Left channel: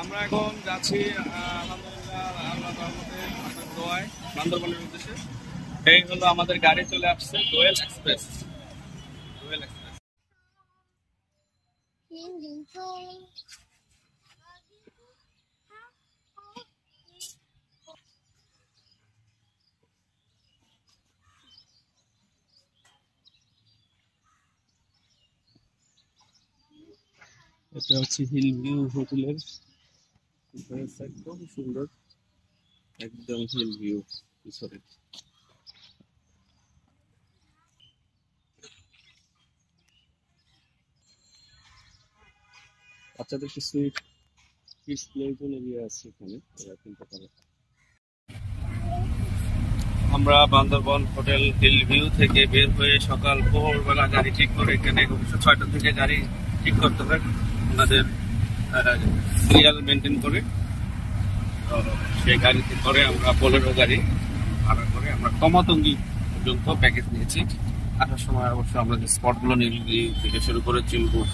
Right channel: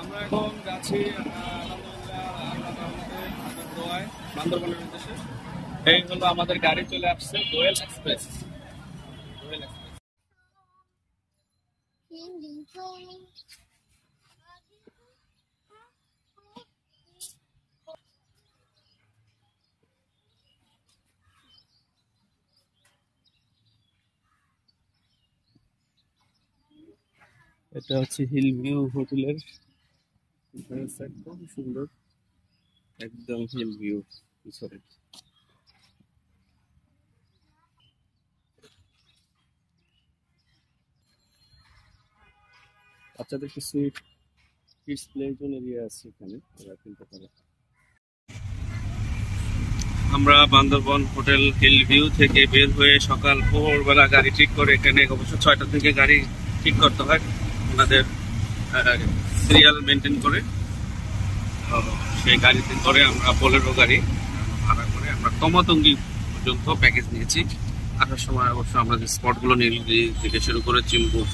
আমরা এখন যাচ্ছি আলহামদুলিল্লাহ আল্লাহর রহমতে আপনার দোয়ায় বান্দরবানের উদ্দেশ্যে। এই হলো আমাদের গাড়ি চলে আসছে দোয়েল এক্সপ্রেস। দোয়েল এক্সপ্রেস এটা হচ্ছে হিল ভিউ হোটেলের একদম সুন্দর, একদম হিল ভিউ পিছনে। বাচ্চাদের কিছু কিডস প্লে জোন এরিয়া আছে এখানে, ওরা খেলতে পারে। আমরা বান্দরবন হোটেল হিল ভিউ থেকে বের হয়ে সকাল ভোরবেলা গাড়ি ঠিক করে, এখানে অবশ্য 6টার থেকে গাড়ি ঠিক করতে হয় ওনাদের সিরিয়াল মেনটেন করে। সেই গাড়িতে করে আমরা বোলেরো গাড়ি ভাড়া করে আমরা তমাতঙ্গি পর্যন্ত প্যাকেজ নিয়েছি। আসার সময় অবশ্য আমরা যে স্পটগুলো নীলগিরি থেকে শুরু করে চিম্বুক,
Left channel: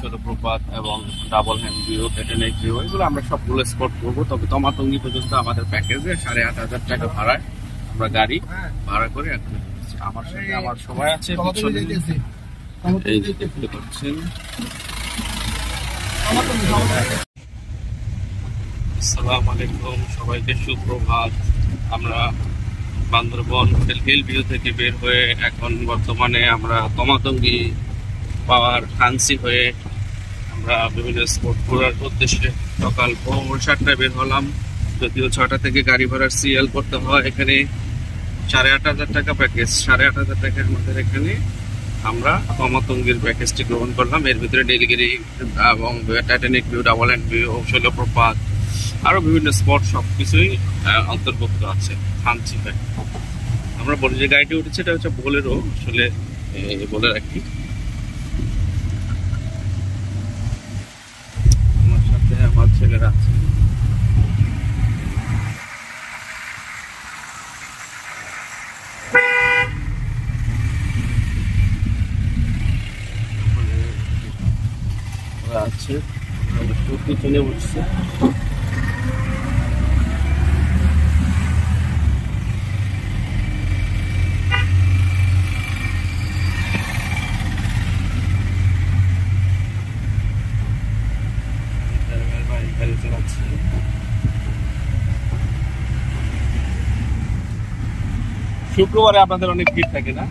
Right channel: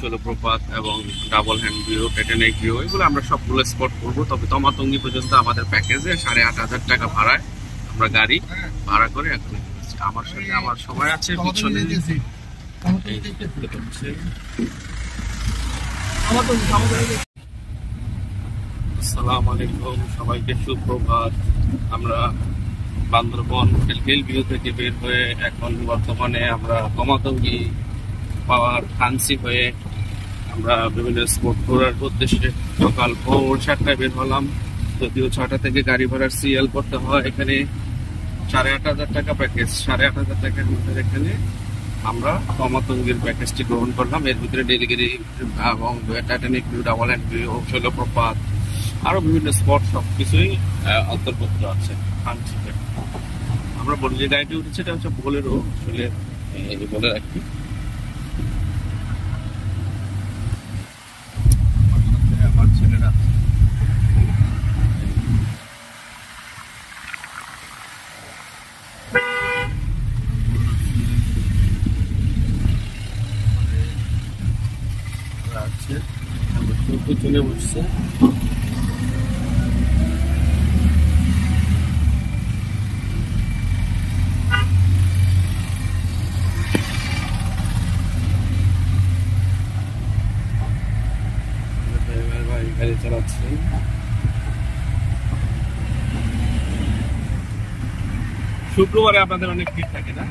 জলপ্রপাত এবং double hand view, Titanic view, এগুলো আমরা সবগুলো স্পট করবো। তবে তমাতঙ্গি পর্যন্ত আমাদের প্যাকেজে 8,500 টাকা ভাড়ায় আমরা গাড়ি ভাড়া করে এখন এসেছি। আমার সাথে আমার সবাই আছে পিছনে। আসসালামু আলাইকুম, সবাইকে সুপ্রভাত। আমরা বান্দরবন হোটেল হিল ভিউ থেকে বের হয়ে এখন বর্তমানে আমরা তমাতঙ্গি পাওয়ার ফান্সি হয়ে আমরা বিভিন্ন স্পট ঘোরার উদ্দেশ্যে সকাল ভোর 7টায় বের হলাম। যদিও 6টা থেকে গাড়ি ভাড়ার সিএল করতে হয়। এখানে 8,500 টাকা প্যাকেজ, 8,500 টাকা আমাদের এখানে আমরা তমাতঙ্গির প্যাকেজটি গ্রহণ করলাম। এর ভিতরে নীলগিরি এবং Titanic view, double hand view, Shoilopropat, আরো বিভিন্ন স্পট সবকিছুই অন্তর্ভুক্ত আছে ফান্সি হয়ে। আমরা বলি যে গাড়িটি উঠেছে এটা হচ্ছে বোলেরো, আসলে বলে রাখি। আমার সাথে আমার ছেলেরা আছে। আছে পিছনে বসছে। গাড়ি চালাচ্ছে। শুক্রবারে আপনাদের অনেক ভিড় থাকে না?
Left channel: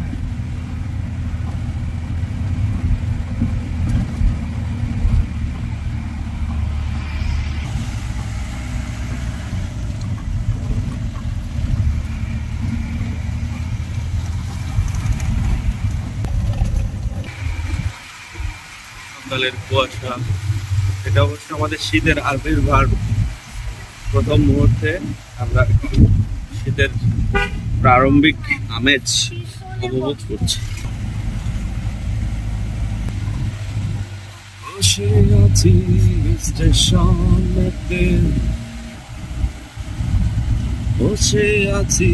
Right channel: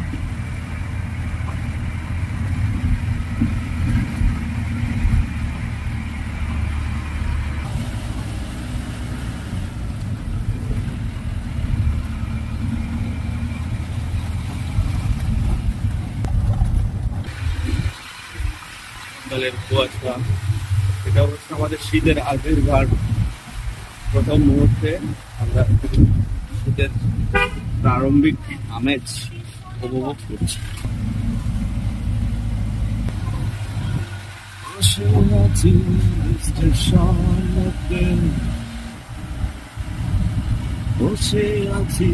সকালের কুয়াশা, এটা অবশ্য আমাদের শীতের আবির্ভাব। প্রথম মুহূর্তে আমরা শীতের প্রারম্ভিক আমেজ উপভোগ করছি। বসে আছি স্টেশনেতে, বসে আছি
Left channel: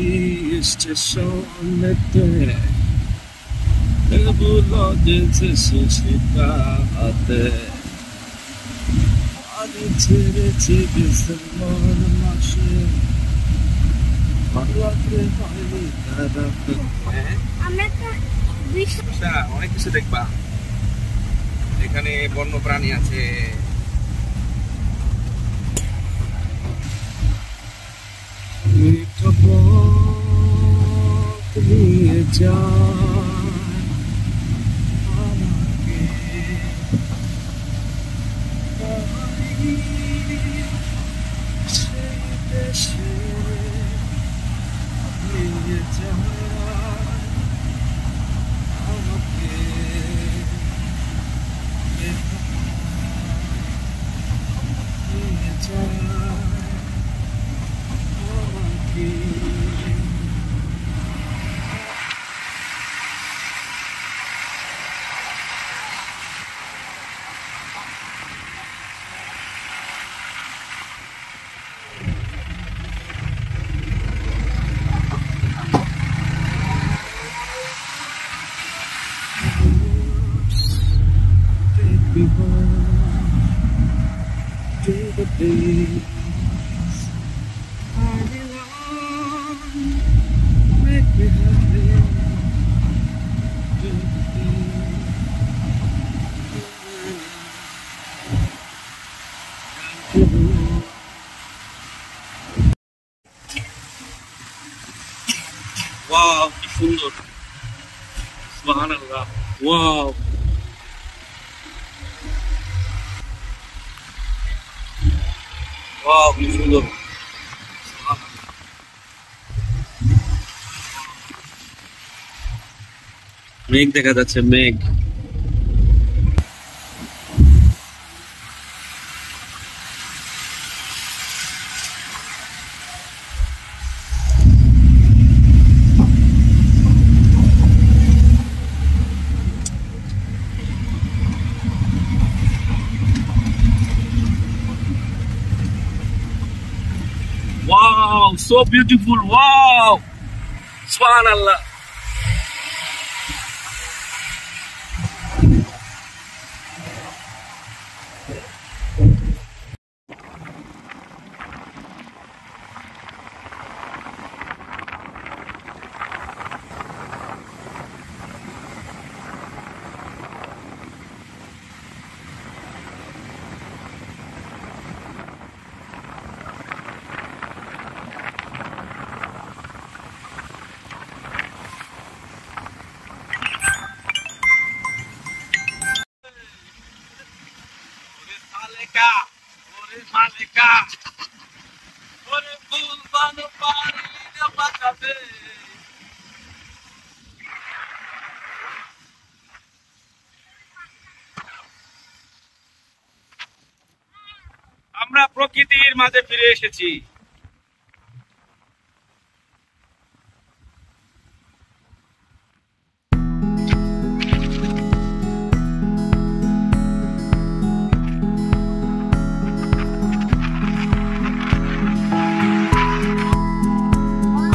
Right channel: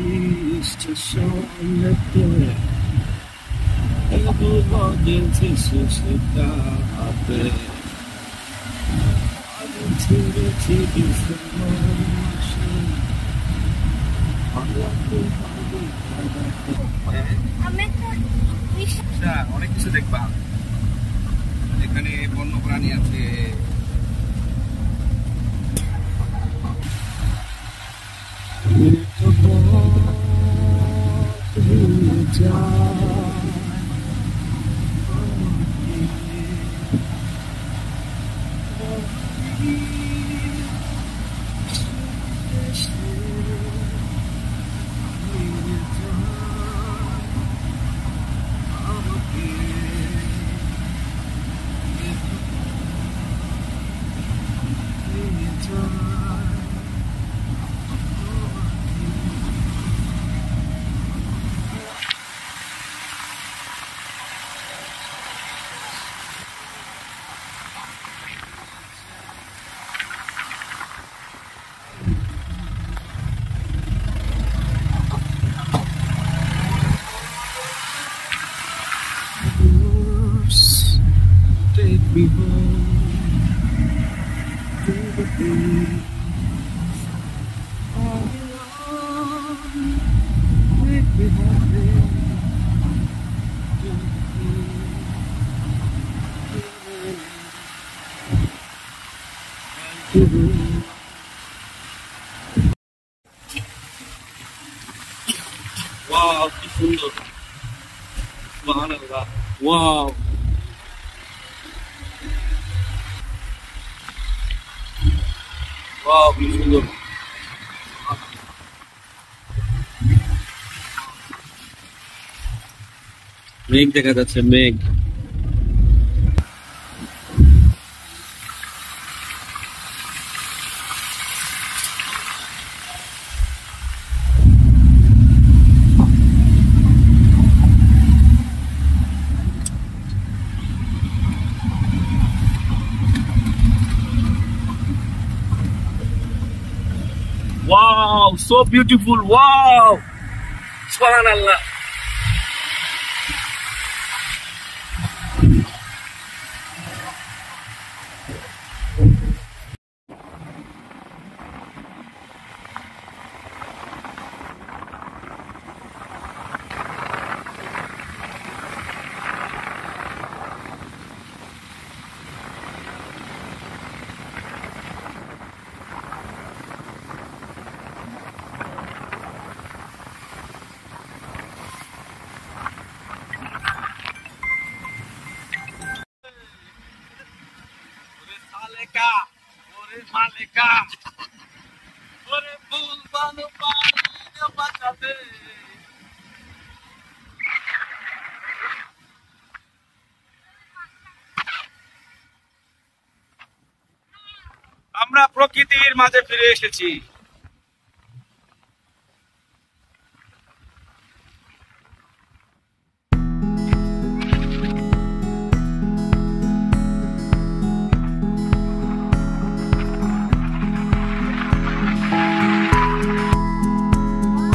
স্টেশনেতে, এগুলো যেছে সেটা হাতে। আগে ছেড়েছি ডিসেম্বর মাসে, অনেক কিছু দেখবা এখানে, বন্য প্রাণী আছে। Take me home. the days I belong. Make me happy. Wow, কি সুন্দর! সুবহানাল্লাহ! Wow! Wow, কি সুন্দর! মেঘ দেখা যাচ্ছে, মেঘ। Wow, so beautiful! Wow, Subhanallah! আমরা প্রকৃতির মাঝে ফিরে এসেছি।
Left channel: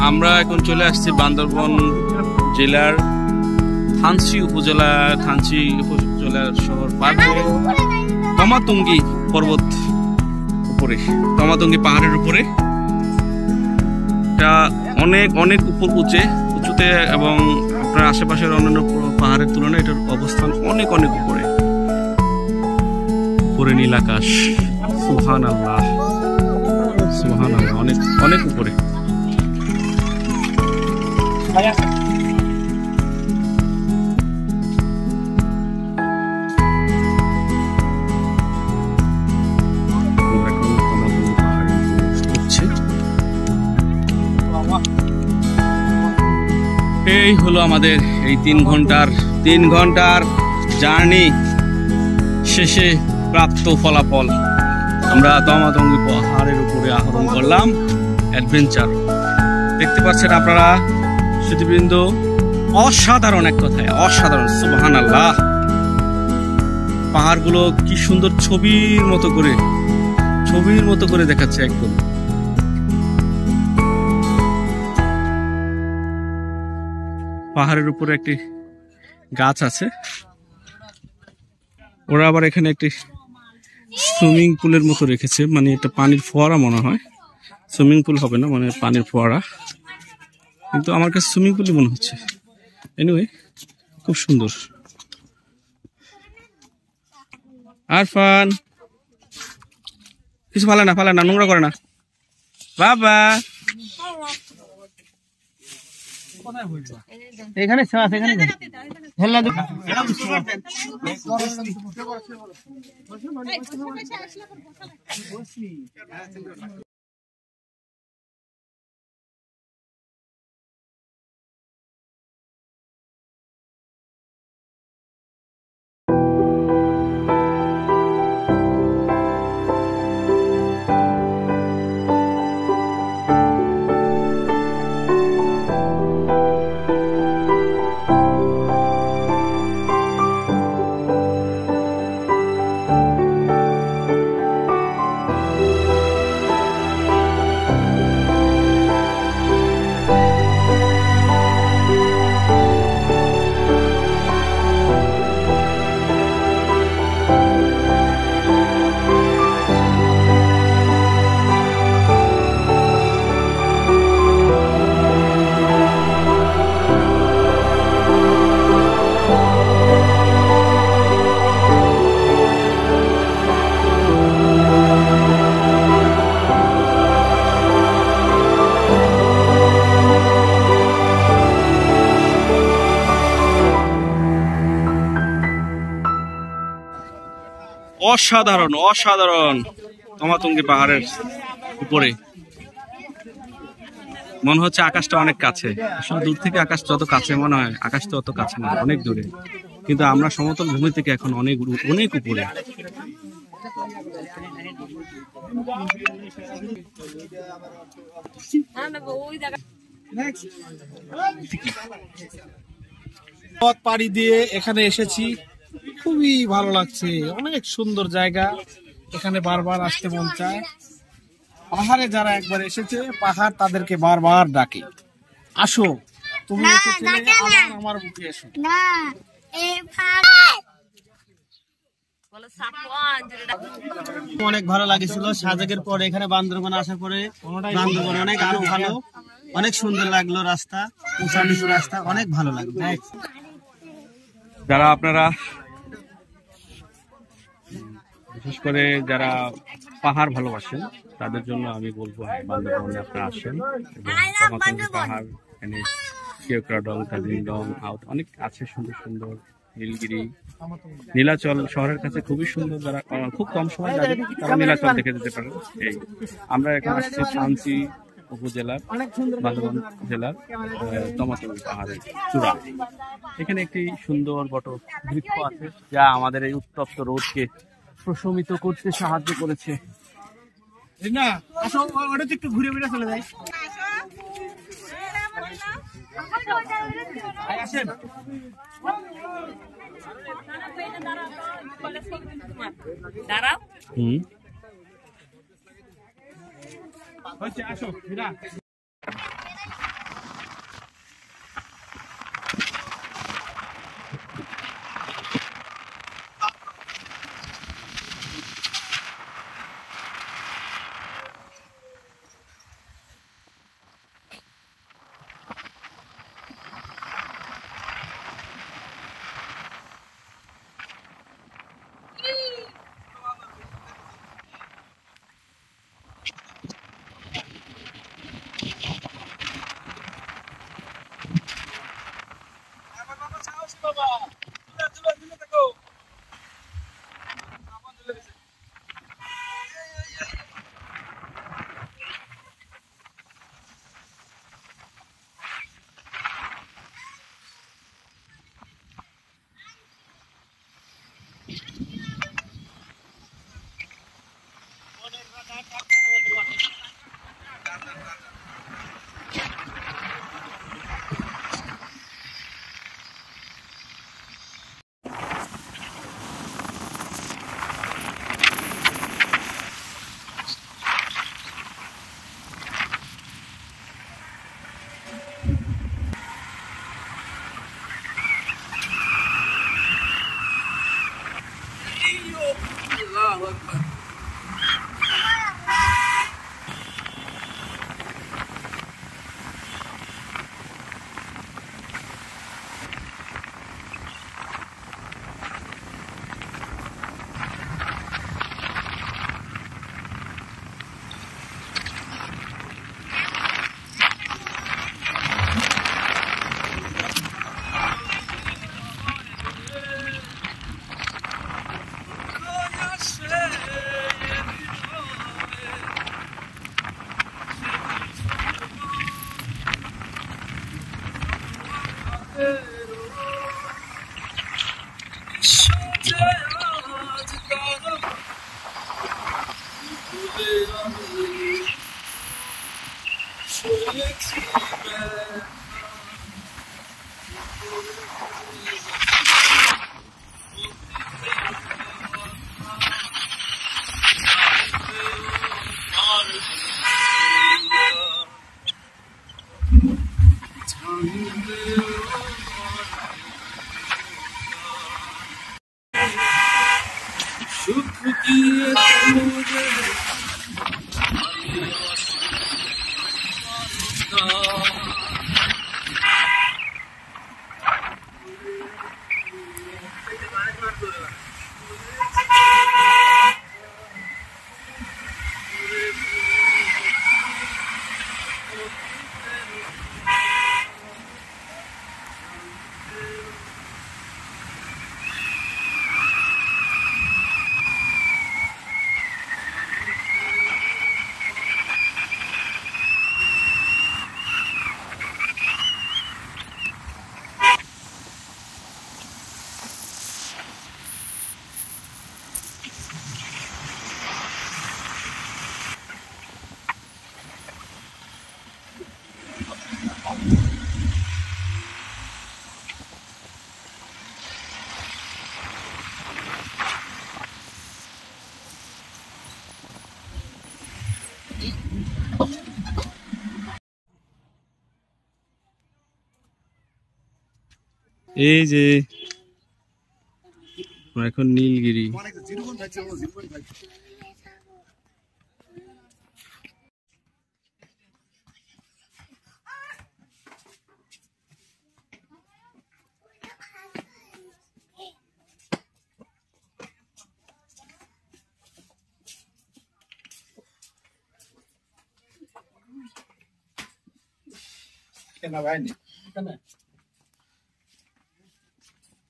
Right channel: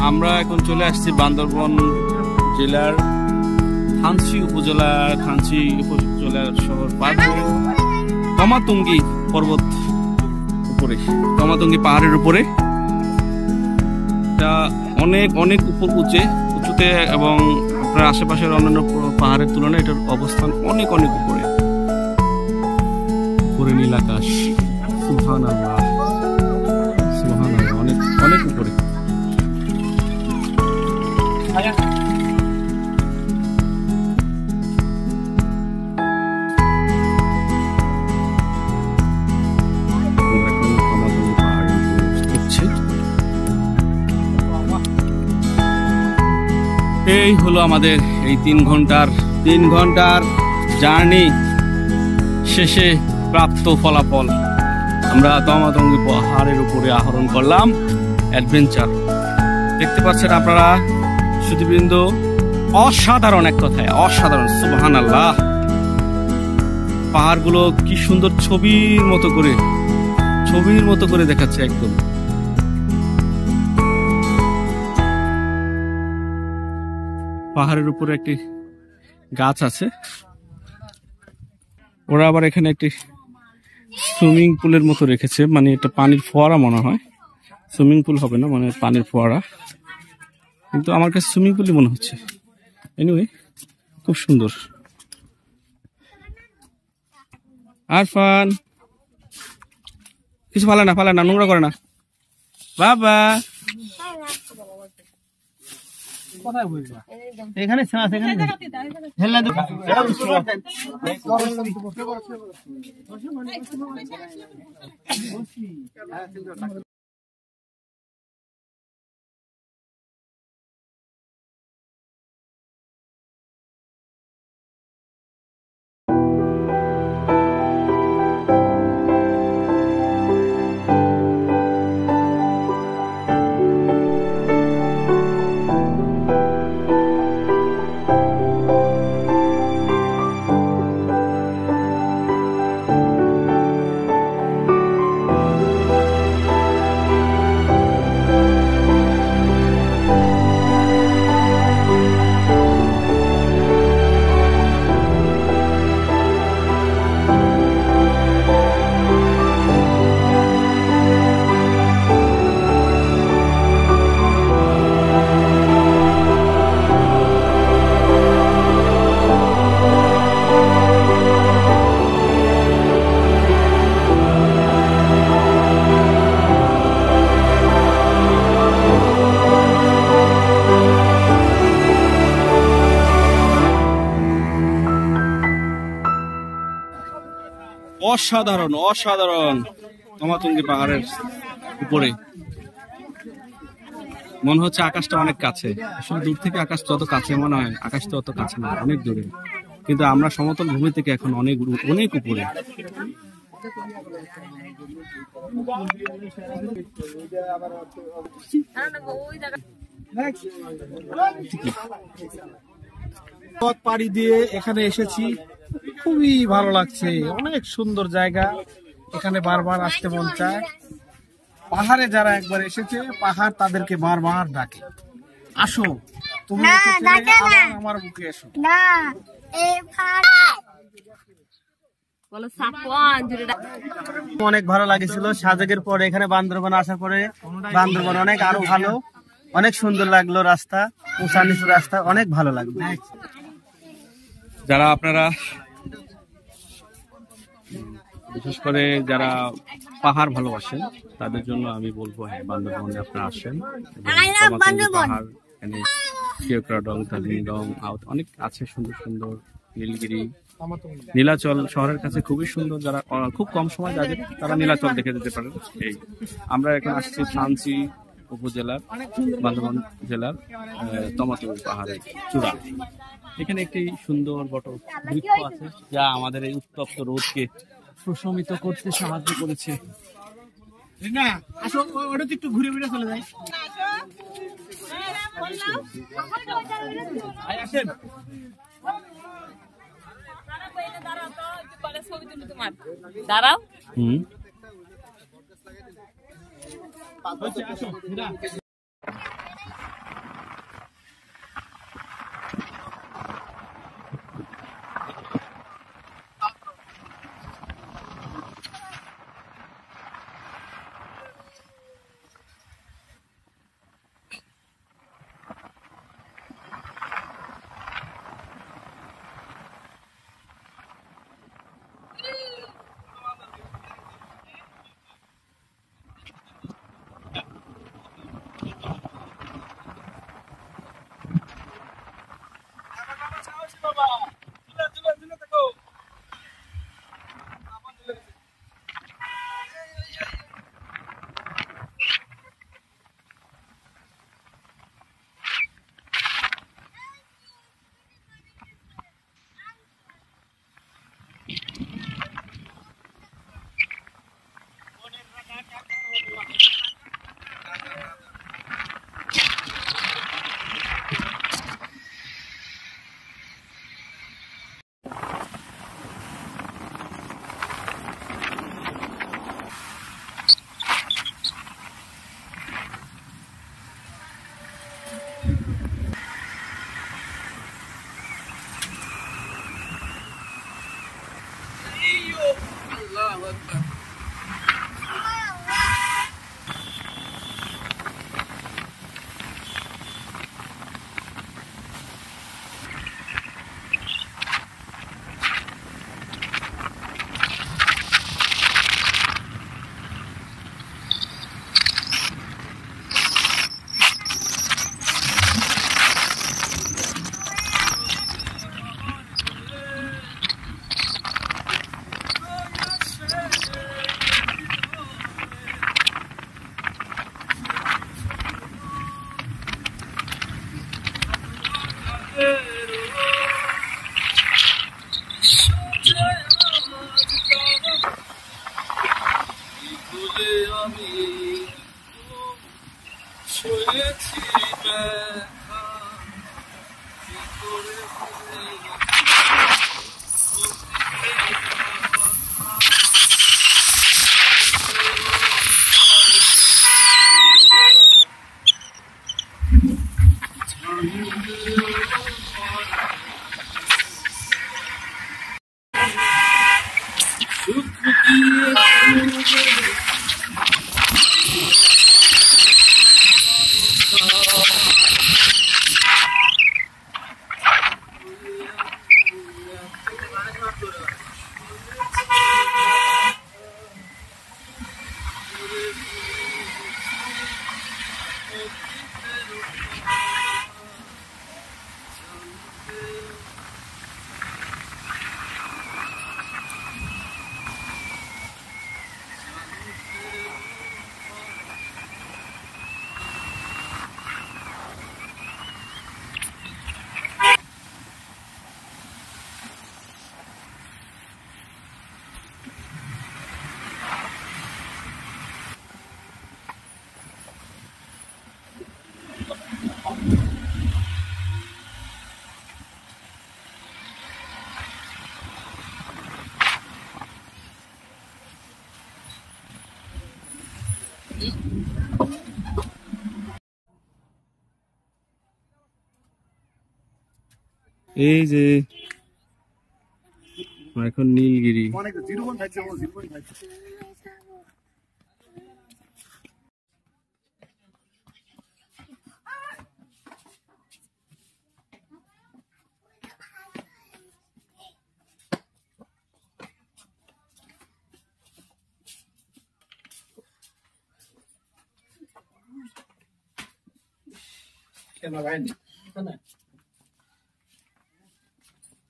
আমরা এখন চলে আসছি বান্দরবান জেলার থানচি উপজেলার শহর পার হয়ে তমাতঙ্গি পর্বত উপরে, তমাতঙ্গি পাহাড়ের উপরে। এটা অনেক অনেক উঁচুতে এবং আপনার আশেপাশের অন্যান্য পাহাড়ের তুলনায় এটার অবস্থান অনেক অনেক উপরে। উপরে নীল আকাশ, সুবহানাল্লাহ, সুবহানাল্লাহ, অনেক অনেক উপরে। এই হলো আমাদের এই 3 ঘন্টার জার্নি শেষে প্রাপ্ত ফলাফল। আমরা তমাতঙ্গি পাহাড়ের উপরে আরোহণ করলাম, অ্যাডভেঞ্চার। দেখতে পাচ্ছেন আপনারা সুধীবৃন্দ, অসাধারণ, এক কথায় অসাধারণ। সুবহানাল্লাহ! পাহাড়গুলো কি সুন্দর ছবির মতো করে দেখাচ্ছে একদম। পাহাড়ের উপরে একটি গাছ আছে, ওরা আবার এখানে একটি সুইমিং পুলের মতো রেখেছে, মানে এটা পানির ফোয়ারা মনে হয়, সুইমিং পুল হবে না, মানে পানির ফোয়ারা, কিন্তু আমার কাছে সুইমিং পুলই মনে হচ্ছে। এনিওয়ে, খুব সুন্দর। আরফান কিছু ফালে না, নোংরা করে না বাবা। এখানে অসাধারণ অসাধারণ তমাতঙ্গী পাহাড়ের উপরে মনে হচ্ছে আকাশটা অনেক কাছে। আসলে দূর থেকে আকাশ যত কাছে মনে হয়, আকাশ তো অত কাছে না, অনেক দূরে। কিন্তু আমরা সমতল ভূমি থেকে এখন অনেক অনেক উপরে। পথ পাড়ি দিয়ে এখানে এসেছি, খুবই ভালো লাগছে, অনেক সুন্দর জায়গা, এখানে বারবার আসতে মন চায়। পাহাড়ে যারা একবার এসেছে, পাহাড় তাদেরকে বারবার ডাকে, আসো তুমি আমার বুকে এসো। অনেক ভালো লাগেছিল সাজেকের পরে এখানে বান্দরবান আসার পরে। বান্দরবান অনেক আরো ভালো, অনেক সুন্দর লাগলো রাস্তা, উঁচা নিচু রাস্তা, অনেক ভালো লাগলো। যারা আপনারা বিশেষ করে যারা পাহাড় ভালোবাসেন তাদের জন্য আমি বলবো, হ্যাঁ বান্দরবনে আপনারা আসেন এবং তমাতঙ্গী পাহাড়, এখানে শিওক্রাডং, তাজিংডং অনেক আছে সুন্দর সুন্দর, নীলগিরি, নীলাচল শহরের কাছে খুবই সুন্দর। যারা খুব কম সময় যাবেন তারা নীলাচল দেখে যেতে পারেন। এই আমরা এখন আসছি থানচি উপজেলার, বান্দরবান জেলার তমাতঙ্গী পাহাড়ের চূড়া। এখানে একটি সুন্দর বট বৃক্ষ আছে যা আমাদের এই উত্তপ্ত রোদকে প্রশমিত করতে সাহায্য করেছে। একটু ঘুরে ফিরে চলে যাই। দাঁড়াও। এই যে আমরা এখন নীলগিরি।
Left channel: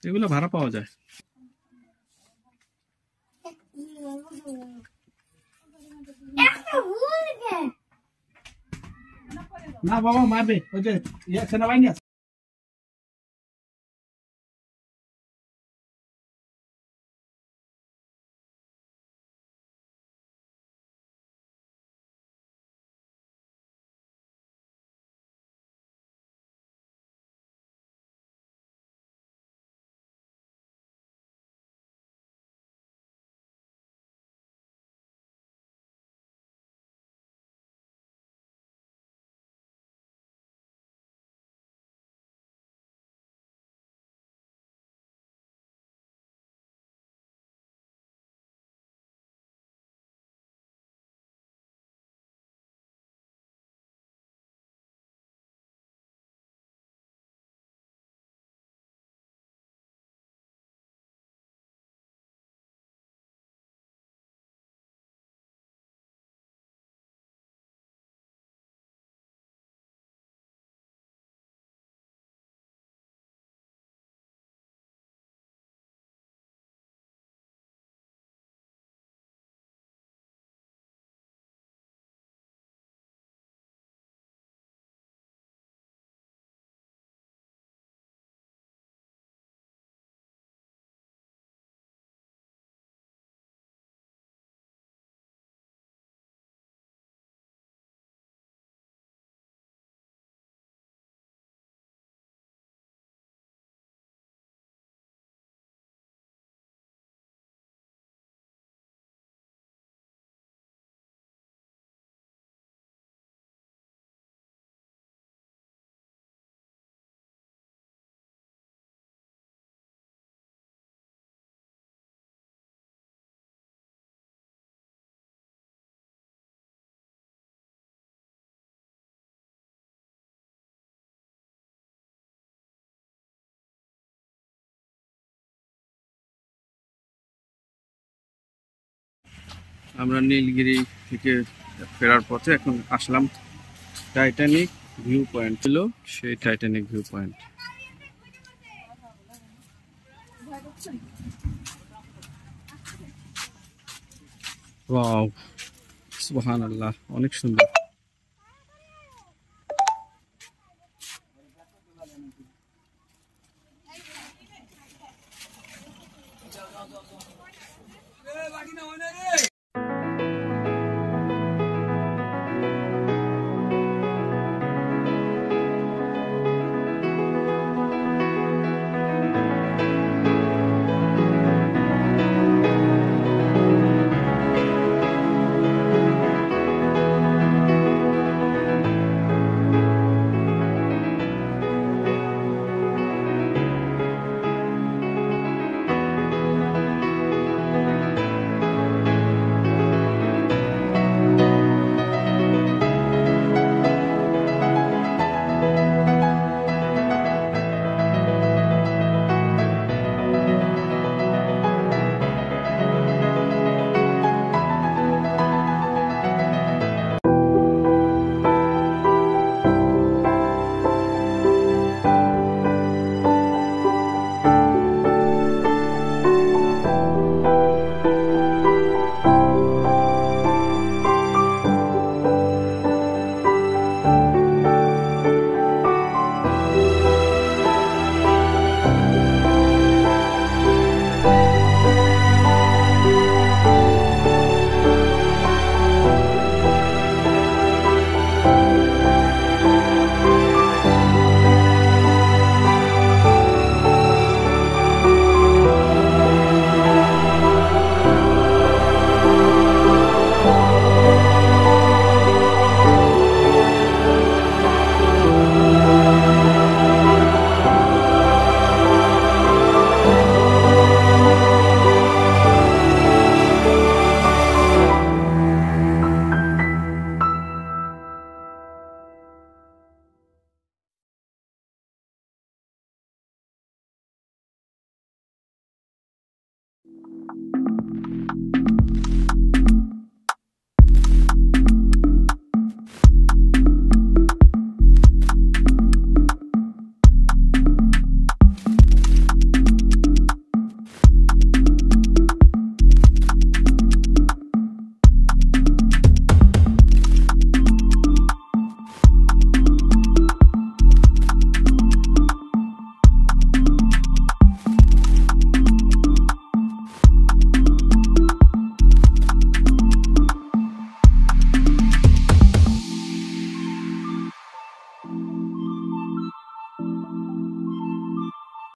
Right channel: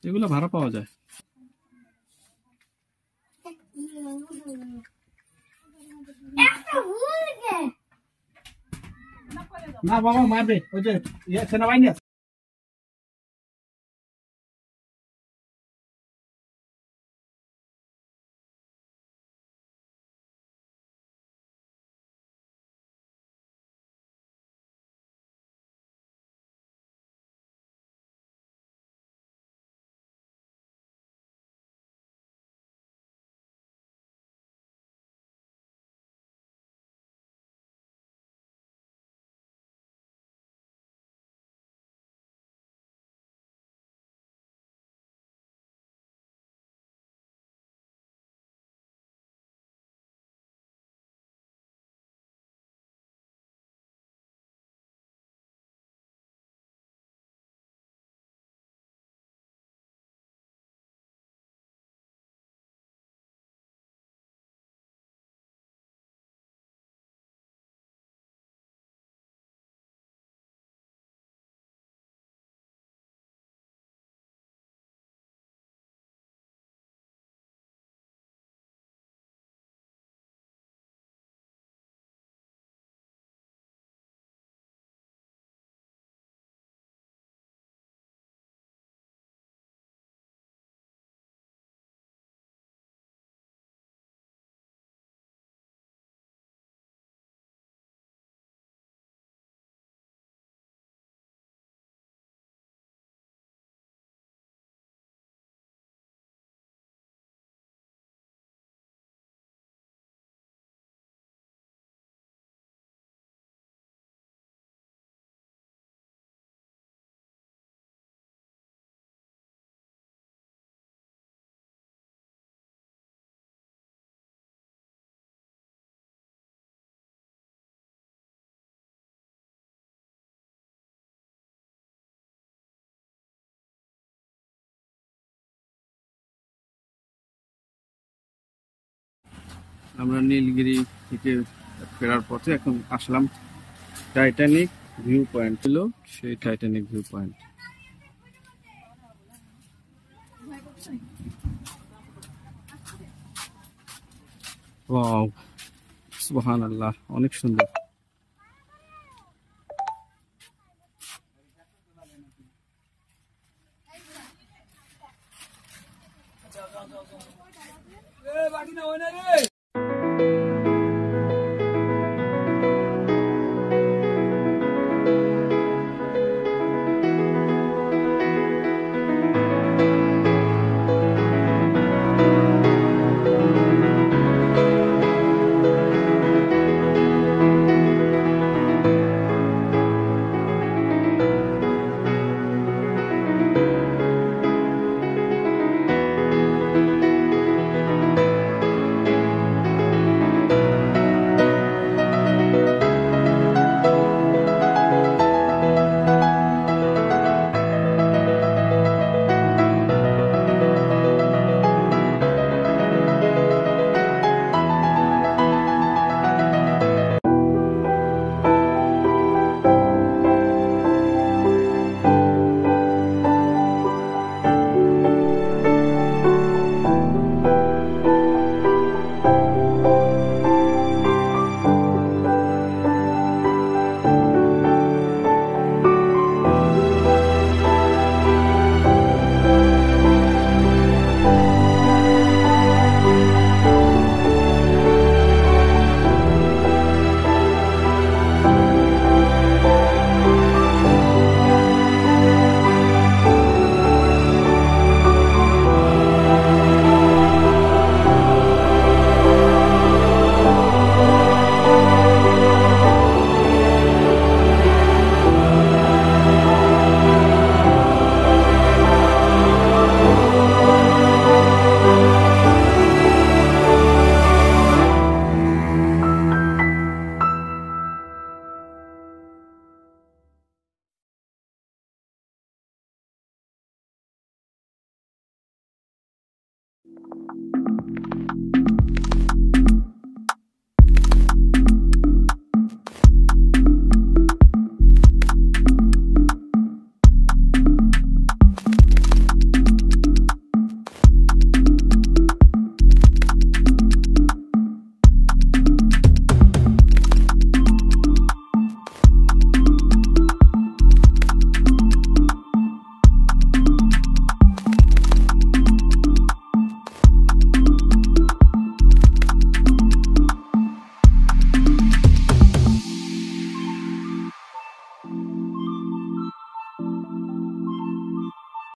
এগুলো ভাড়া পাওয়া যায়। না বাবা মারবে, ওই যে সেনাবাহিনী আছে। আমরা নীলগিরি থেকে ফেরার পথে এখন আসলাম টাইটানিক ভিউ পয়েন্ট। ছিল সেই টাইটানিক ভিউ পয়েন্ট। ওয়াও, সুবহানাল্লাহ, অনেক সুন্দর।